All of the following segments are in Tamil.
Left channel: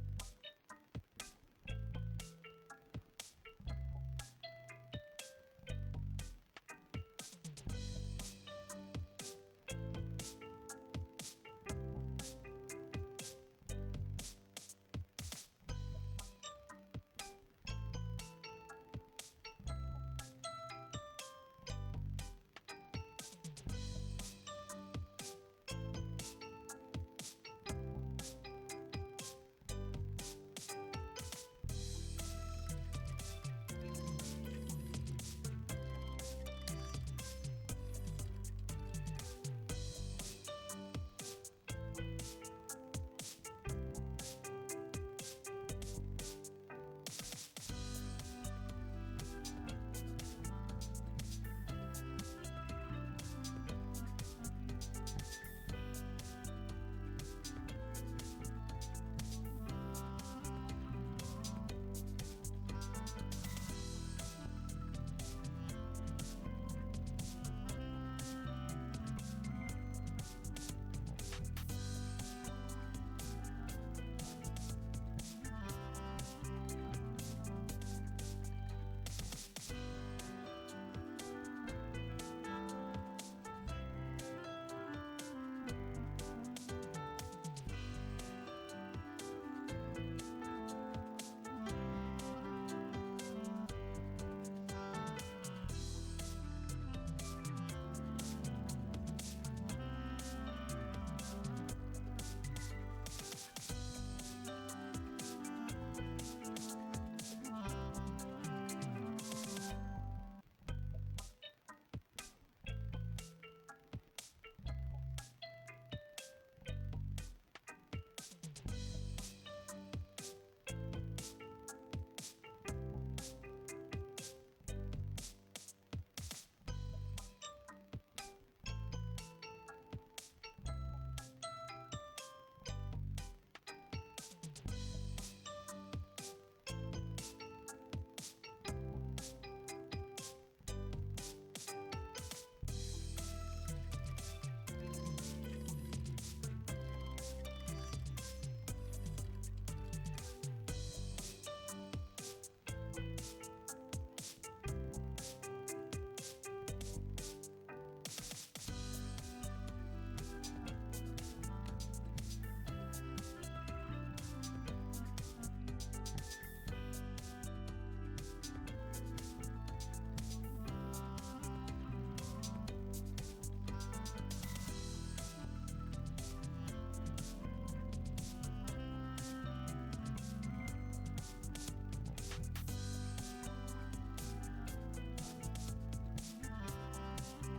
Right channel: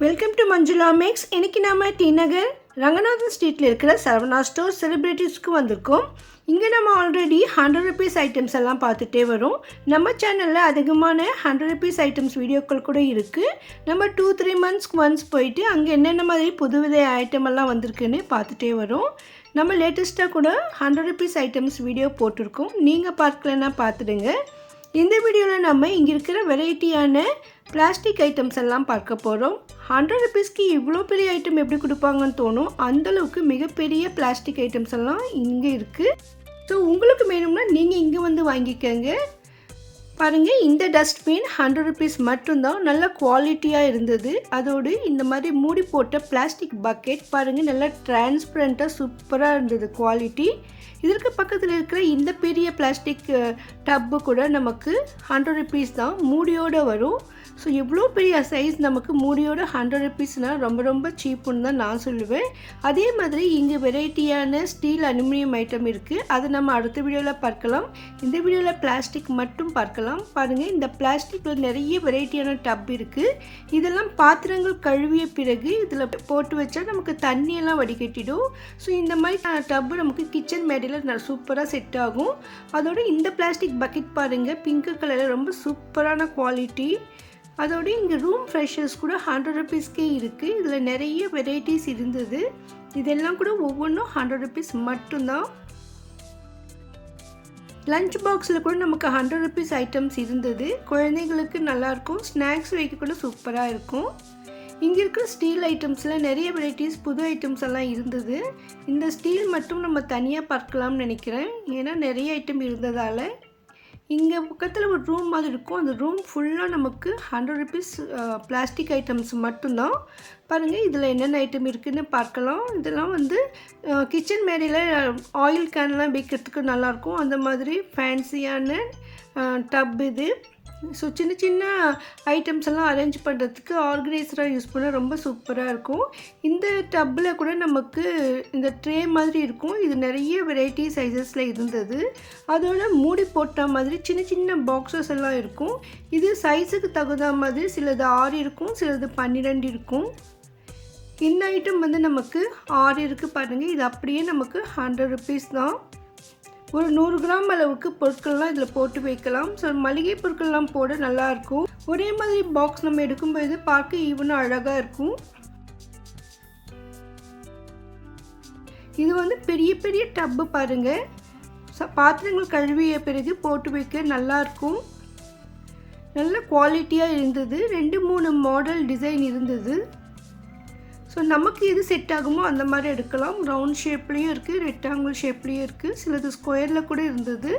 வெல்கம் டு மஞ்சுளா மேக்ஸ் இன்றைக்கி நாம் டி நகர் ரங்கநாதன் ஸ்ட்ரீட்டில் இருக்கிற சரவணா ஸ்டோர் செலிப்ரிட்டிஸ்க்கு வந்திருக்கோம். இங்கே நம்ம ஆல்ரெடி ஹண்ட்ரட் ருபீஸ் ஐட்டம்ஸ் எல்லாம் பார்த்துட்டே வரோம். நம்ம சேனலில் அதிகமான ஹண்ட்ரட் ருபீஸ் ஐட்டம்ஸ் வீடியோக்கள் கூட இருக்குது நம்ம டூ த்ரீ மந்த்ஸ்க்கு ஒன்ஸ் போயிட்டு அங்கே என்னென்ன மாதிரி புதுவித ஐட்டம் எல்லாம் வந்திருக்குன்னு பார்த்துட்டே வரோம். நம்ம லேட்டஸ்ட்டாக கூட ஹண்ட்ரட் ருபீஸ் ஐட்டம்ஸ் வீடியோ போட்டிருக்கோம். நீங்கள் பார்க்கலன்னா பார்த்துடுங்க. இந்த வீடியோவில் நம்ம இங்கே இருக்கிற வெரைட்டியான பிளாஸ்டிக் ஐட்டம்ஸ் எல்லாம் பார்க்க போகிறோம் ஹண்ட்ரட் ருபீஸ்க்கு இவ்வளோ பெரிய ஐட்டம் எப்படி கொடுப்பாங்கன்னு தோணும். அந்தளவுக்கு மிகப்பெரிய பிளாஸ்டிக் ஐட்டம்ஸ் எல்லாம் இங்கே இருக்குது ஸோ உங்களுக்கு வேணும்னா நீங்கள் இங்கே வந்து வாங்கிக்கோங்க. பாருங்கள் இந்த டஸ்ட்பின் ஹண்ட்ரட் ருபீஸ் மட்டும்தான். நல்ல குவாலிட்டியாக இருந்தது. அதோடு இந்த மாதிரி மூடி போட்ட பிளாஸ்டிக் பக்கெட் பாருங்கள் நல்லா டிரான்ஸ்பரண்ட்டாக சூப்பராக இருந்தது குவாலிட்டி இதற்கு பக்கத்தில் இருக்கிற இந்த பெரிய பிளாஸ்டிக் டப்பு கூட நமக்கு ஹண்ட்ரட் ருபீஸ் தான். மூடியோடு வரும். ஸோ எவ்வளோ பெரிய சைஸ் நமக்கு மூடியோட ஹண்ட்ரட் ருபீஸ்னால் ரொம்ப ரொம்ப சீப்புன்னு தான் நான் சொல்லுவேன். அதே மாதிரி இங்கே வெரைட்டியான ஸ்டீல் அலுமினியம் ஐட்டம் இருக்குது அதை நம்ம அடுத்த வீடியோவில் பார்க்கலாம். இந்த வீடியோவில் பிளாஸ்டிக் மட்டும் பார்க்கலாம். பாருங்கள் இந்த பிளாஸ்டிக்கில் நிறைய வெரைட்டியான டப் இருக்குது இதெல்லாம் பாத்திரங்கள் கழுவிய பிறகு இதில் போட்டு வச்சா நமக்கு தண்ணியெல்லாம் வடிகட்டிடும். ஸோ இந்த மாதிரி டப்பு நமக்கு கிச்சன் மேடையில் சூப்பராக செட் ஆகும். அதோட இந்த பிளாஸ்டிக் பக்கெட் பாருங்கள் பிங்க் கலரில் ரொம்ப சூப்பரான குவாலிட்டி அதோட இங்கே ரூம் ஃப்ரெஷர்ஸ் கூட ஹண்ட்ரட் ருபீஸ்க்கே இருக்குது இதில் நிறைய வெரைட்டிஸ் இருந்தது. இதெல்லாம் கூட ஒவ்வொன்றும் ஹண்ட்ரட் ருபீஸ் மட்டும்தான். லஞ்ச் பாக்ஸில் கூட நமக்கு ஹண்ட்ரட் ருபீஸ் ஐட்டம்ஸ் இருந்தது. குழந்தைங்களுக்கு நல்லாயிருக்கும் ஸ்நாக்ஸ் வைக்க கூட சூப்பராக இருக்கும். இங்கே இருக்கிற ஸ்டீல் ஐட்டம்ஸில் நிறைய வெரைட்டிஸ் புது ஐட்டம்ஸ் எல்லாம் இருந்தது. இந்த ஸ்டீல் மட்டும் நம்ம தனியாக பார்க்கலாம்னு நினைக்கிறேன். ஏன்னா நிறைய ஐட்டம் இருந்ததால். இங்கே பக்கத்தில் ஒரு ரூம் மாதிரி இருக்கும். அந்த ரூம் ஃபுல்லாக நமக்கு ஹண்ட்ரட் ருபீஸ் பிளாஸ்டிக் ஐட்டம்ஸ் மட்டும்தான். பாருங்கள் இதில் என்னென்ன ஐட்டம் இருக்குதுன்னு பார்க்கலாம். இதெல்லாம் வந்து கிச்சன் மேடையில் ஆயில் கேன்லாம் வைக்கிறதுக்கு நல்லாயிருக்கும் அந்த மாதிரி ஃபேன்சியான டப் இது. ஸோ சின்ன சின்ன ஐட்டம்ஸ் எல்லாம் அரேஞ்ச் பண்ணுறதுக்கு ஆர்கனைசராக யூஸ் பண்ண ரொம்ப சூப்பராக இருக்கும். இந்த டப்பில் கூட நமக்கு இந்த ட்ரே மாதிரி இருக்கும். இது நிறைய வெரைட்டி சைஸஸில் இருந்தது. அதோட மூடி போட்ட மாதிரி சின்ன சின்ன பாக்ஸஸ் எல்லாம் இருக்கும். இது சைஸுக்கு தகுந்த மாதிரி சிலது ஆறு இருக்கும் சிலது பன்னிரெண்டு இருக்கும். இந்த ஐட்டம் வந்து நமக்கு ஆறு இருக்குது பாருங்கள் இது அப்படியே நமக்கு ஹண்ட்ரட் ருபீஸ் தான். ஒரு நூறு கிராம் அளவுக்கு பொருட்கள்லாம் இதில் போட்டு வைக்கலாம். ஸோ மளிகை பொருட்கள்லாம் போட நல்லாயிருக்கும். ஒரே மாதிரி பாக்ஸ் நம்ம எடுக்கும்போது பார்க்க ஈவனும் அழகாக இருக்கும். இது வந்து பெரிய பெரிய டப்பு பாருங்கள் பாத்திரங்கள் கழுவிய பிறகு போட்டு வைக்க நல்லாயிருக்கும். நல்ல குவாலிட்டியாக இருந்தது. ரெண்டு மூணு மாடல் டிசைன் இருந்தது. ஸோ நமக்கு எது செட் ஆகுமோ அந்த மாதிரி எடுக்கலாம். ரவுண்ட் ஷேப்லேயும் இருக்குது ரெக்டாங்கிள் ஷேப்லேயும் இருக்குது சிலது ஸ்கொயரில் கூட இருந்தது.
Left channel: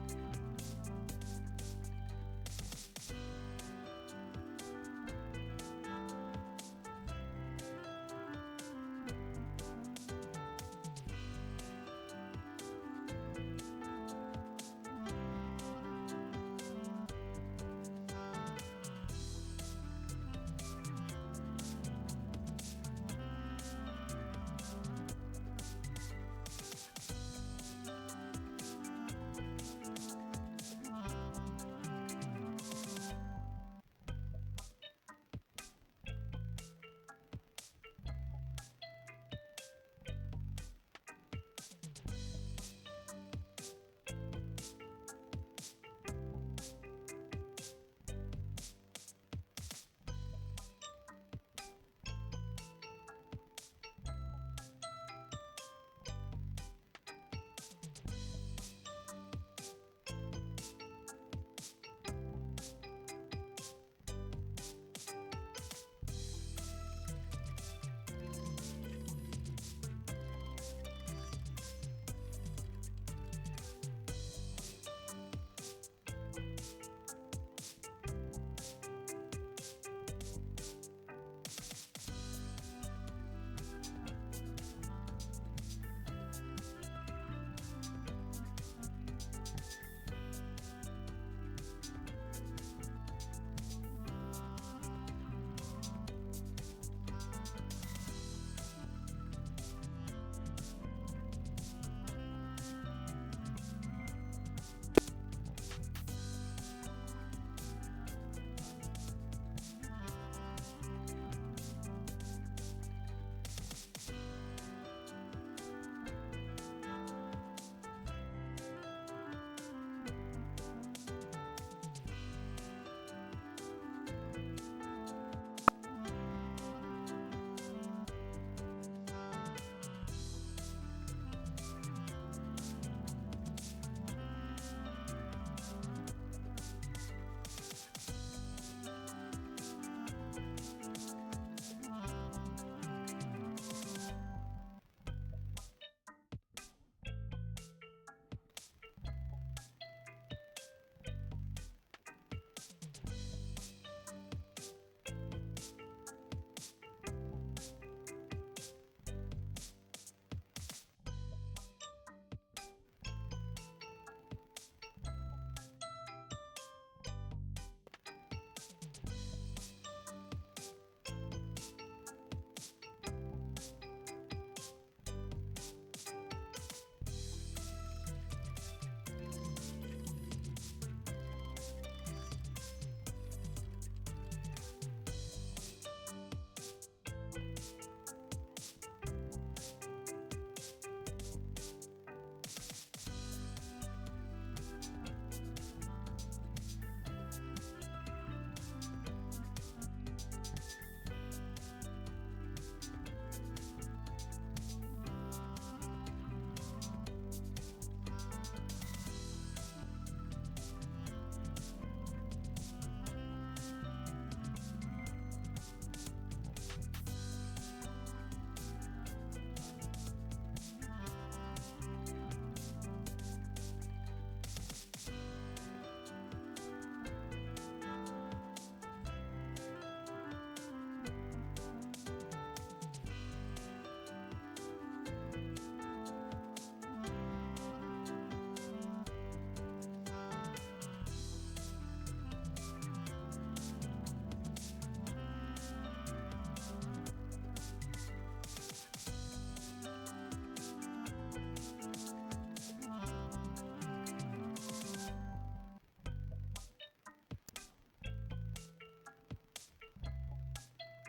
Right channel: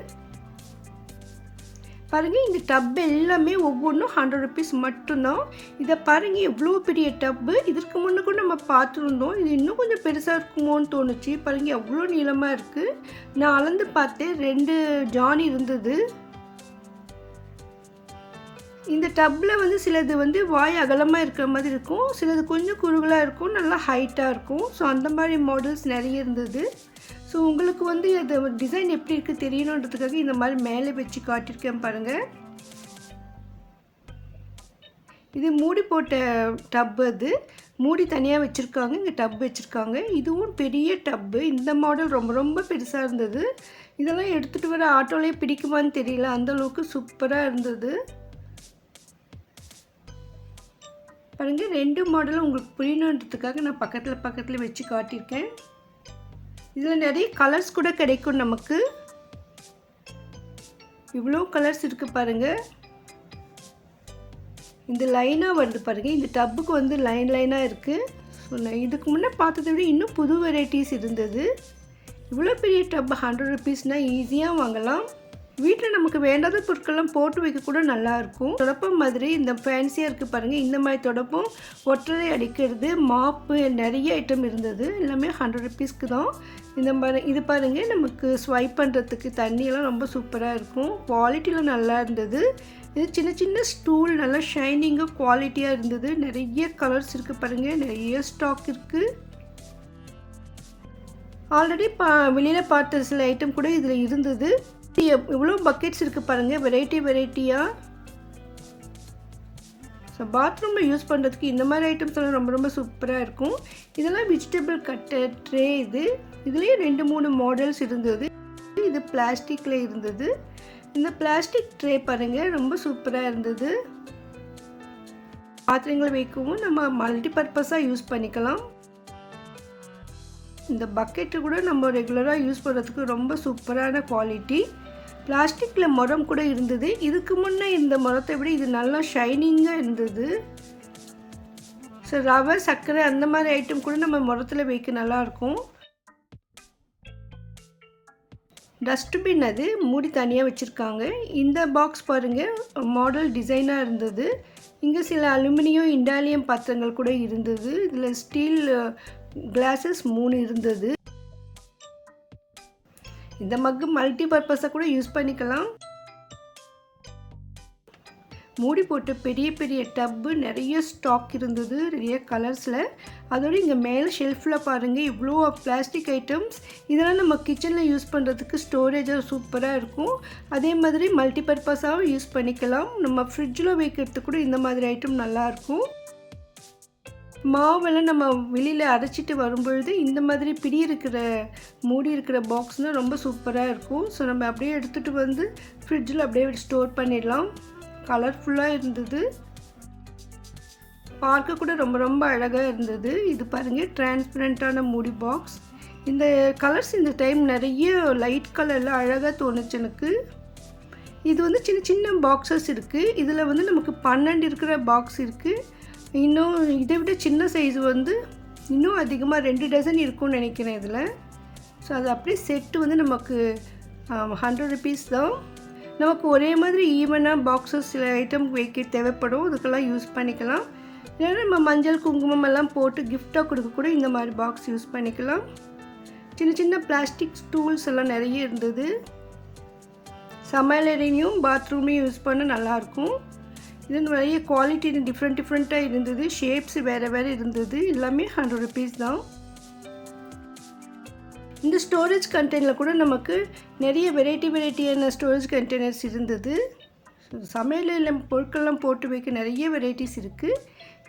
பாருங்கள் இந்த டப் எல்லாமே ஒவ்வொன்றும் ஹண்ட்ரட் ருபீஸ் மட்டும்தான். இதை பாருங்கள் எவ்வளோ பெரிய டப்பு இதற்கு முன்னே கூட நம்ம பார்த்துருந்தோம். இது இன்னும் கொஞ்சம் பெருசாக இருக்குமோன்னு தோணுச்சு. பாருங்கள் எவ்வளோ நீளமாக இருக்குது நான் அளந்து பார்த்தேன். ரெண்டு ஜான் இருந்தது. இந்த டப்பில் வந்து சிலது வந்து வாய் அகலமாக இருக்கிற மாதிரி இருக்கும். சிலது கொஞ்சம் குறுகலாக இருக்கும் நல்லா ஹைட்டாக இருக்கும். ஸோ அந்த மாதிரி மாடல்ஸ் நிறைய இருந்தது. ஸோ உங்களுக்கு வந்து அது டிசைன் எப்படி இருக்குது தெரியணுன்றதுக்காக இந்த மாதிரி மேலே வச்சு காட்டியிருக்கேன் பாருங்கள் இது மூடி போட்ட டப்பு அது. மூடி தனியாக வச்சுருக்காங்க இங்கே டப் வச்சுருக்காங்க. இதுவும் பெரிய டப்பு. இந்த மாடல் ரொம்ப ரொம்ப பெருசாக இருந்தது. இதெல்லாம் எடுத்துகிட்டு வர ஆட்டோலேயே பிடிக்குமான்னு தெரியல. அந்தளவுக்கு சூப்பராக இருந்தது. பாருங்கள் ரெண்டு மாடலும் உங்களுக்கு புரியணுன்றதுக்காக நான் பக்கத்தில் பக்கத்தில் வச்சு காட்டியிருக்கேன். இதில் நிறைய கலர்ஸ் கூட கிடைக்கும் நமக்கு. இவ்வளோ கலர்ஸ் இருக்குது பாருங்கள் இந்த லைனாக வருது பாருங்கள் இந்த டப்புக்கு வந்து லைன் லைனாக இருக்குது ஸோ நான் இதுக்கு முன்னே பார்த்ததை விட இன்னும் புது வெரைட்டிஸ் இருந்தது. இவ்வளோ பெரிய டப்பு ஹண்ட்ரட் ருபீஸ்னால் ஈஸியாக வாங்கலாம். வீட்டில் நமக்கு வேண்டாத பொருட்கள்லாம் போட்டு வைக்க கூட நல்லாயிருக்கும். தொடப்பம் மாதிரி இந்த ஃபேன்சியாக இருக்குது பாருங்கள் இந்த மாதிரி தொடப்பம் ஒற்றரை அடிக்கிறது மாப்பு நிறைய ஐட்டம் இருந்தது. எல்லாமே ஹண்ட்ரட் ருபீஸ்க்கு தான். இந்த மாதிரி இது பாருங்கள் நமக்கு ஸ்வைப் பண்ணுறதுக்கு தண்ணியெல்லாம் ரொம்ப சூப்பராக இருக்கும். குவாலிட்டியில் நல்லா இருந்தது. இது சின்ன சின்ன ஸ்டூல் நல்லா ஷைனிங்காக குவாலிட்டியாக இருந்தது. நிறைய கலர்ஸ் இருக்குது பாருங்கள் நிறைய ஸ்டாக் இருக்குது ஆல்ரெடி பா வெளியில் பார்த்த சில ஐட்டம் கூட இதில் இருந்தது. இவ்வளோ பக்கெட்ஸ் இருக்குது பாருங்கள் வெரைட்டி வெரைட்டியாக ஸோ பாத்ரூமில் யூஸ் பண்ணுறதுக்கு இந்த மாதிரி ஐட்டம்ஸ் எல்லாம் ரொம்ப ரொம்ப சூப்பராக இருக்கும். இதெல்லாம் வெஜிடபிள் கட்டர் ட்ரே இது. இதுலேயே ரெண்டு மூணு மாடல்ஸ் இருந்தது. இது பிளாஸ்டிக்கில் இருந்தது. இந்த பிளாஸ்டிக் ட்ரே பாருங்கள் ரொம்ப சூப்பராக இருந்தது. பாத்திரங்களை வைக்கவும் நம்ம மல்டி பர்பஸாக யூஸ் பண்ணிக்கலாம். இந்த பக்கெட்டு கூட நம்ம ரெகுலராக யூஸ் பண்ணுறதுக்கு ரொம்ப சூப்பரான குவாலிட்டி பிளாஸ்டிக்கில் முரம் கூட இருந்தது. இதுக்கு முன்னே இந்த முறத்தை விட இது நல்லா ஷைனிங்காக இருந்தது. ஸோ ரவை சர்க்கரை அந்த மாதிரி ஐட்டம் கூட நம்ம முறத்தில் வைக்க நல்லாயிருக்கும் டஸ்ட்பின் அது மூடி தனியாக வச்சுருக்காங்க. இந்த பாக்ஸ் பாருங்கள் மாடல் டிசைனாக இருந்தது. இங்கே சில அலுமினியம் இண்டாலியம் பாத்திரங்கள் கூட இருந்தது. இதில் ஸ்டீல் கிளாஸஸ் மூணு இருந்தது. இந்த மக்கு மல்டி பர்பஸை கூட யூஸ் பண்ணிக்கலாம். மூடி போட்டு பெரிய பெரிய டப்பு நிறைய ஸ்டாக் இருந்தது நிறைய கலர்ஸில் அதோடு இங்கே மேலே ஷெல்ஃபில் பாருங்கள் இவ்வளோ பிளாஸ்டிக் ஐட்டம்ஸ் இதெல்லாம் நம்ம கிச்சனில் யூஸ் பண்ணுறதுக்கு ஸ்டோரேஜாக சூப்பராக இருக்கும். அதே மாதிரி மல்டி பர்பஸாகவும் யூஸ் பண்ணிக்கலாம். நம்ம ஃப்ரிட்ஜில் வைக்கிறதுக்கு கூட இந்த மாதிரி ஐட்டம் நல்லாயிருக்கும் மாவெல்லாம் நம்ம வெளியில் அரைச்சிட்டு வரும்பொழுது இந்த மாதிரி பிடி இருக்கிற மூடி இருக்கிற பாக்ஸ்னால் ரொம்ப சூப்பராக இருக்கும். ஸோ நம்ம அப்படியே எடுத்துகிட்டு வந்து ஃப்ரிட்ஜில் அப்படியே ஸ்டோர் பண்ணிடலாம். கலர்ஃபுல்லாக இருந்தது. பார்க்க கூட ரொம்ப ரொம்ப அழகாக இருந்தது. இது பாருங்கள் டிரான்ஸ்பரண்ட்டான மூடி பாக்ஸ் இந்த கலர்ஸ் இந்த டைம் நிறைய லைட் கலரில் அழகாக தோணுச்சு எனக்கு. இது வந்து சின்ன சின்ன பாக்ஸஸ் இருக்குது இதில் வந்து நமக்கு பன்னெண்டு இருக்கிற பாக்ஸ் இருக்குது இன்னும் இதை விட சின்ன சைஸ் வந்து இன்னும் அதிகமாக ரெண்டு டசன் இருக்கும்னு நினைக்கிறேன் இதில். ஸோ அது அப்படியே செட்டு வந்து நமக்கு ஹண்ட்ரட் ருபீஸ் தான். நமக்கு ஒரே மாதிரி ஈவனாக பாக்ஸஸ் சில ஐட்டம் வைக்க தேவைப்படும். அதுக்கெல்லாம் யூஸ் பண்ணிக்கலாம். இல்லைன்னா நம்ம மஞ்சள் குங்குமம் எல்லாம் போட்டு கிஃப்டாக கொடுக்க கூட இந்த மாதிரி பாக்ஸ் யூஸ் பண்ணிக்கலாம். சின்ன சின்ன பிளாஸ்டிக் ஸ்டூல்ஸ் எல்லாம் நிறைய இருந்தது. சமையலறையும் பாத்ரூமையும் யூஸ் பண்ண நல்லாயிருக்கும் இது நிறைய குவாலிட்டி டிஃப்ரெண்ட் டிஃப்ரெண்ட்டாக இருந்தது ஷேப்ஸ் வேறு வேறு இருந்தது எல்லாமே ஹண்ட்ரட் ருபீஸ் தான். இந்த ஸ்டோரேஜ் கண்டெய்னரில் கூட நமக்கு நிறைய வெரைட்டி வெரைட்டியான ஸ்டோரேஜ் கண்டெய்னர்ஸ் இருந்தது. சமையலில் பொருட்கள்லாம் போட்டு வைக்க நிறைய வெரைட்டிஸ் இருக்குது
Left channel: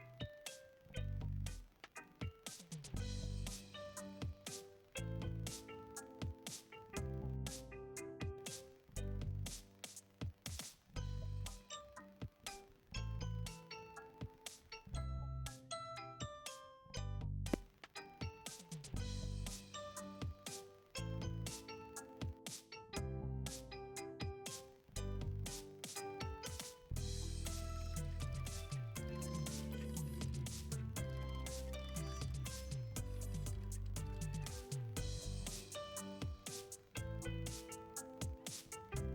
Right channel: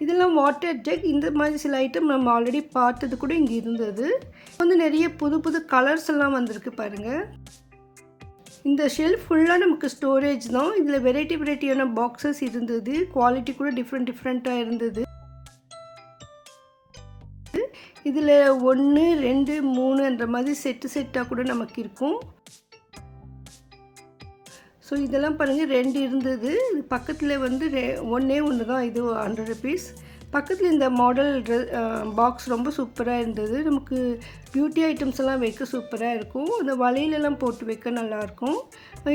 இதெல்லாம் வாட்டர் ஜெக் இந்த மாதிரி சில ஐட்டம் நம்ம ஆல்ரெடி பார்த்தது கூட இங்கே இருந்தது. வந்து நிறைய புது புது கலர்ஸ் எல்லாம் வந்திருக்கு பாருங்கள் இந்த ஷெல்ஃப் ஃபுல்லாக நமக்கு ஸ்டோரேஜ் தான். இதில் வெரைட்டி வெரைட்டியான பாக்ஸஸ் இருந்தது. குவாலிட்டி கூட டிஃப்ரெண்ட் டிஃப்ரெண்ட்டாக இருந்தது. இதில் ஒன்று ரெண்டு மூணுன்ற மாதிரி செட்டு செட்டாக கூட நமக்கு இருக்கும். ஸோ இதெல்லாம் பாருங்கள் ரெண்டு இருந்தது. பக்கத்தில் வந்து ரெ ஒன்றே ஒன்று தான். இது ஹண்ட்ரட் ருபீஸ் பக்கத்தில் இந்த மாடல் பாக்ஸ் ரொம்ப சூப்பராக இருந்தது. நமக்கு பியூட்டி ஐட்டம்ஸ் எல்லாம் வைக்க சூப்பராக இருக்கும். அந்த வலையிலலாம் போட்டு வைக்க நல்லாயிருக்கும்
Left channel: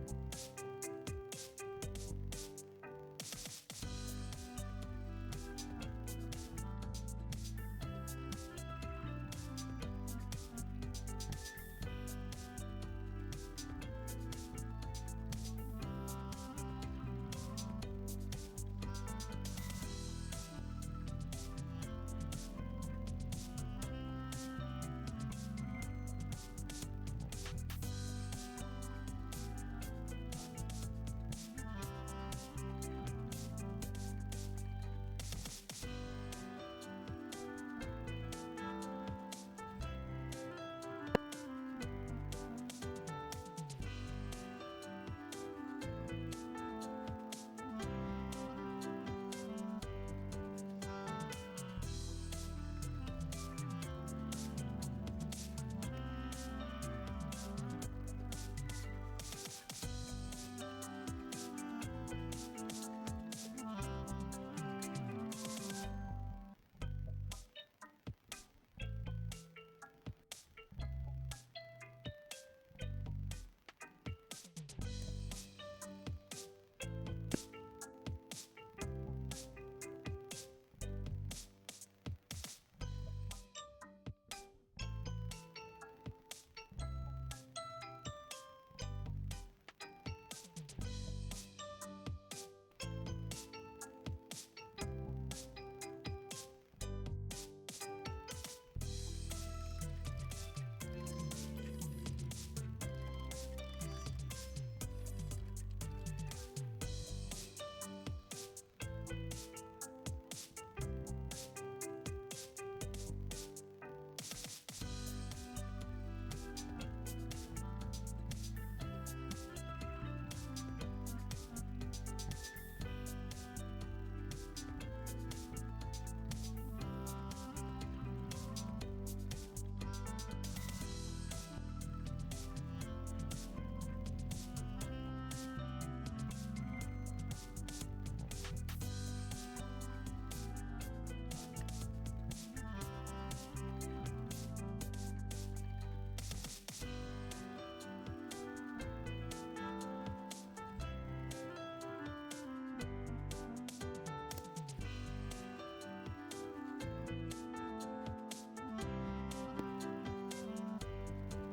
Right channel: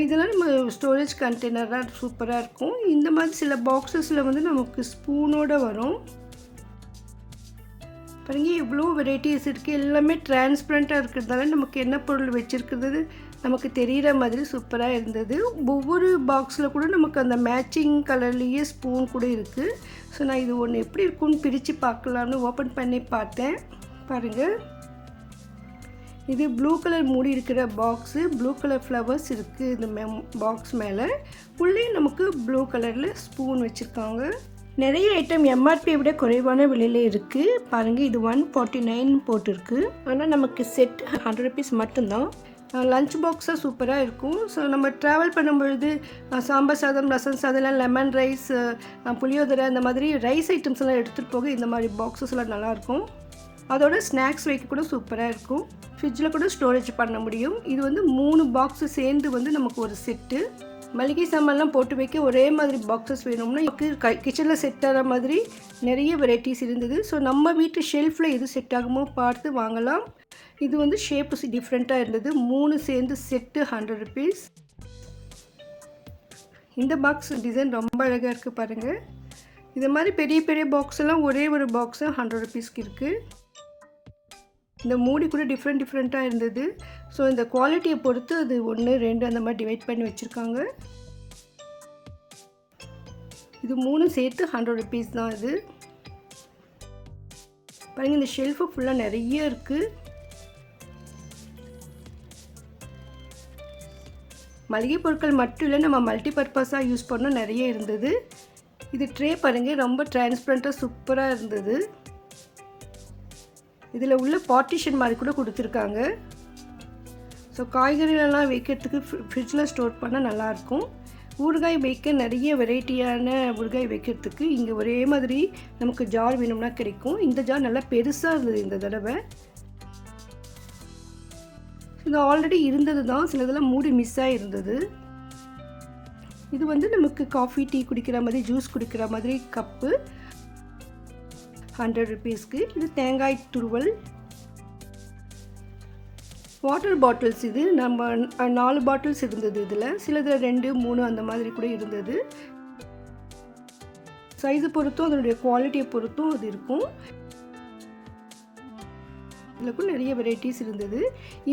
இதெல்லாம் நம்ம ஸ்டோரேஜ் கண்டெய்னராக சூப்பராக இருக்கும். இந்த மாதிரி சில பாக்ஸஸில் வந்து நமக்கு ஸ்பூனோடு வரும். பாருங்க இவ்வளோ வெரைட்டிஸ் இருக்குது எல்லாமே டிரான்ஸ்பரண்ட்டாக இருக்கிறதால நமக்கு என்ன பொருள் வச்சுருக்கிறது நமக்கு தெரிகிற மாதிரி சூப்பராக இருந்தது. ஒவ்வொரு பாக்ஸில் கூட நமக்கு அந்த மேட்சிங் கலர்லேயே ஸ்பூன் கூட இருக்குது ஸோ நான் இது ஒன்று எப்படி இருக்குன்னு பிரித்து பார்க்கலான்னு ஓப்பன் பண்ணி பார்த்தேன். பாருங்கள் இது ப்ளூ கலர் மூடி இருக்கிற பாக்ஸு ப்ளூ கலர் ஃப்ளவர்ஸ் இருக்குது இந்த மே பாக்ஸ் மேலே. உள்ளே நமக்கு ப்ளூ கலரில் ஸ்பூன் வச்சுருக்காங்க. நிறைய ஐட்டம் எம்ஆர்பியை விட குறைவான விலையில் இருக்குது பாருங்கள் இது ஒன் ஃபார்ட்டி நைன் போட்டிருக்கு. ஆனால் நமக்கு செட் ஹண்ட்ரட் ருபீஸ் மட்டும்தான். லஞ்ச் பாக்ஸாக சூப்பராக இருக்கும். ஸோ நம்ம ட்ராவல் பண்ணும்பொழுது சாம்பார் சாதம் ரசம் சாதம் லெமன் ரைஸ் புளியோதரை அந்த மாதிரி ரைஸ் ஐட்டம்ஸ் எல்லாம் எடுத்துகிட்டு போக இந்த மாதிரி பாக்ஸஸ் எல்லாம் நல்லாயிருக்கும் அதோட ஸ்நாக்ஸ் வைக்க கூட சூப்பராக இருக்கும். ஃப்ரிட்ஜில் கூட ஸ்டோரேஜ் பண்ண முடியும். இது வந்து மூணு பாக்ஸு சேர்ந்து வந்து நமக்கு ஒரு செட்டு மளிகை சாமான்லாம் போட்டு வைக்க ஒரே மாதிரி பாக்ஸஸ் வேணும்னா கிச்சனில் செட் ஆகிற மாதிரி நிறைய வெரைட்டிஸ் இருந்தது. ஸோ நம்ம வீட்டு ஷெல்ஃபில் எது செட் ஆகுமோ பார்த்து வாங்கலாம். இது வந்து ஷேப்ஸ் டிஃப்ரெண்ட்டாக இருந்தது. மூணு சேர்ந்து செட்டு ஹண்ட்ரட் ருபீஸ் இந்த பாக்ஸ் டிசைன் ரொம்ப அழகாக இருக்குது பாருங்கள் இது மாதிரி பெரிய பெரிய பாக்ஸ் எல்லாம் ஒரே ஒரு பாக்ஸு ஹண்ட்ரட் ருபீஸ்க்கு இருக்குது இந்த மூடி கூட டிஃப்ரெண்ட் டிஃப்ரெண்ட்டாக இருந்தது. ஸோ இந்த குவாலிட்டியை பொறுத்து அது ஒன்று ரெண்டு அந்த மாதிரி டிவைட் பண்ணி வச்சுருக்காங்க. இது மூணு சேர்த்து ஹண்ட்ரட் ருபீஸ் தான் இது. பாருங்க இந்த ஷெல்ஃபு ஃபுல்லாக நிறைய இருக்குது மளிகை பொருட்கள் மட்டும் இல்லை நம்ம மல்டி பர்பஸாக யூஸ் பண்ணோம் நிறைய இருந்தது. இது ட்ரே பாருங்கள் ரொம்ப டிரான்ஸ்பரண்ட்டாக சூப்பராக இருந்தது. இதில் உள்ள பார்ட்டிஷன் மாதிரி கூட கொடுத்துருக்காங்க. ஸோ காய்கறிகளெல்லாம் வைக்கிறதுக்கு ஃப்ரிட்ஜில் ஸ்டோர் பண்ணால் நல்லாயிருக்கும். ஊறுகாய் வைக்க நிறைய வெரைட்டியான ஊறுகாய் வைக்கிறதுக்கு இங்கே ஒரே மாதிரி நமக்கு ஜார் வேணும்னா கிடைக்கும். இந்த ஜார் நல்லா பெருசாக இருந்தது இந்த தடவை. இது ஆல்ரெடி இருந்தது தான். சில இதெல்லாம் மூடி மிஸ் ஆகிருந்தது இது வந்து நமக்கு காஃபி டீ குடிக்கிற மாதிரி ஜூஸ் குடிக்கிற மாதிரி கப்பு ஹண்ட்ரட் ருபீஸ்க்கு இது தேங்காய் துருவல். வாட்டர் பாட்டில்ஸ் இது நம்ம நாலு பாட்டில்ஸ் இருந்தது இதில். சிலதில் ரெண்டு மூணு அந்த மாதிரி கூட இருந்தது. சைஸை பொறுத்தும் அதனுடைய குவாலிட்டியை பொறுத்தும் அது இருக்கும். இதுலக்கும் நிறைய வெரைட்டிஸ் இருந்தது.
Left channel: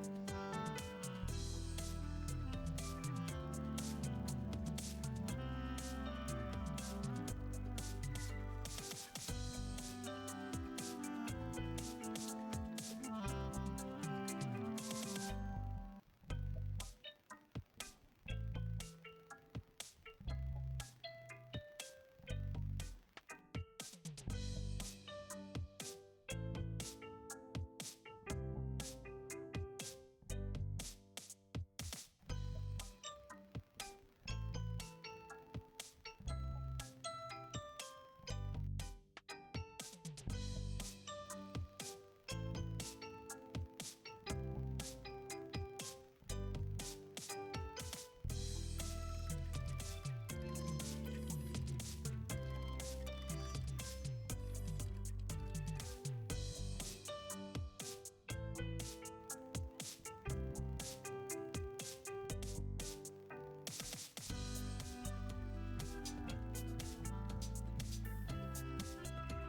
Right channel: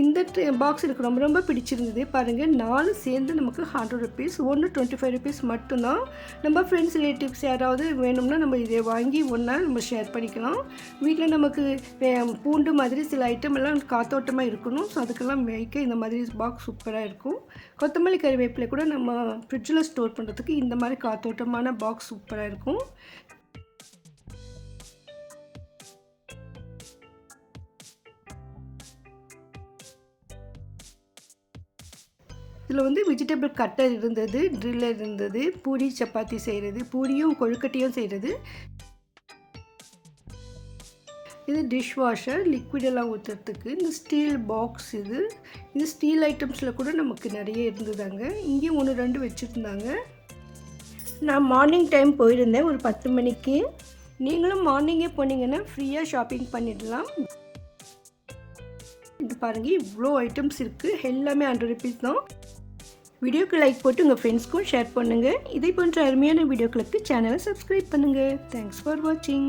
இந்த பாக்ஸ் எனக்கு ரொம்ப ரொம்ப பிடிச்சிருந்தது. பாருங்கள் நாலு சேர்ந்து நமக்கு ஹண்ட்ரட் ருபீஸ் ஒன்று டுவெண்ட்டி ஃபைவ் ருபீஸ் மட்டும்தான். நம்ம ஃப்ரெண்ட்ஸ் ரிலேட்டிவ்ஸ் யாராவது வேணும்னா நம்ம இதை வாங்கி ஒன்றா நம்ம ஷேர் பண்ணிக்கலாம். வீட்டில் நமக்கு பூண்டு மாதிரி சில ஐட்டம் எல்லாம் காத்தோட்டமாக இருக்கணும். ஸோ அதுக்கெல்லாம் வைக்க இந்த மாதிரி பாக்ஸ் சூப்பராக இருக்கும். கொத்தமல்லி கறிவேப்பிலை கூட நம்ம ஃப்ரிட்ஜில் ஸ்டோர் பண்ணுறதுக்கு இந்த மாதிரி காத்தோட்டமான பாக்ஸ் சூப்பராக இருக்கும். இதில் வந்து வெஜிடபிள் கட்டர் இருந்தது ட்ரில்லர் இருந்தது பூரி சப்பாத்தி செய்கிறது பூரியும் கொழுக்கட்டையும் செய்கிறது இது டிஷ் வாஷர் லிக்விடெல்லாம் ஊற்றுறதுக்கு இந்த ஸ்டீல் பாக்ஸ் இது. இந்த ஸ்டீல் ஐட்டம்ஸில் கூட நமக்கு நிறைய இருந்ததாங்க. இங்கேயும் ஒன்று ரெண்டு வச்சுருந்தாங்க. நான் மார்னிங் டைம் போயிருந்தேன் ஒரு பத்து மணிக்கு. நீங்களும் மார்னிங்கே போனீங்கன்னா ஃப்ரீயாக ஷாப்பிங் பண்ணிடலாம். இது பாருங்கள் இவ்வளோ ஐட்டம்ஸ் இருக்குது எல்லாமே ஹண்ட்ரட் ருபீஸ் தான். வீடியோக்கு லைக் போட்டு உங்கள் ஃப்ரெண்ட்ஸ்க்கும் ஷேர் பண்ணுங்கள் இதே போன்ற அருமையான வீடியோக்களுக்கு சேனலை சப்ஸ்கிரைப் பண்ணுங்கள் தேங்க்ஸ் ஃபார் வாட்சிங்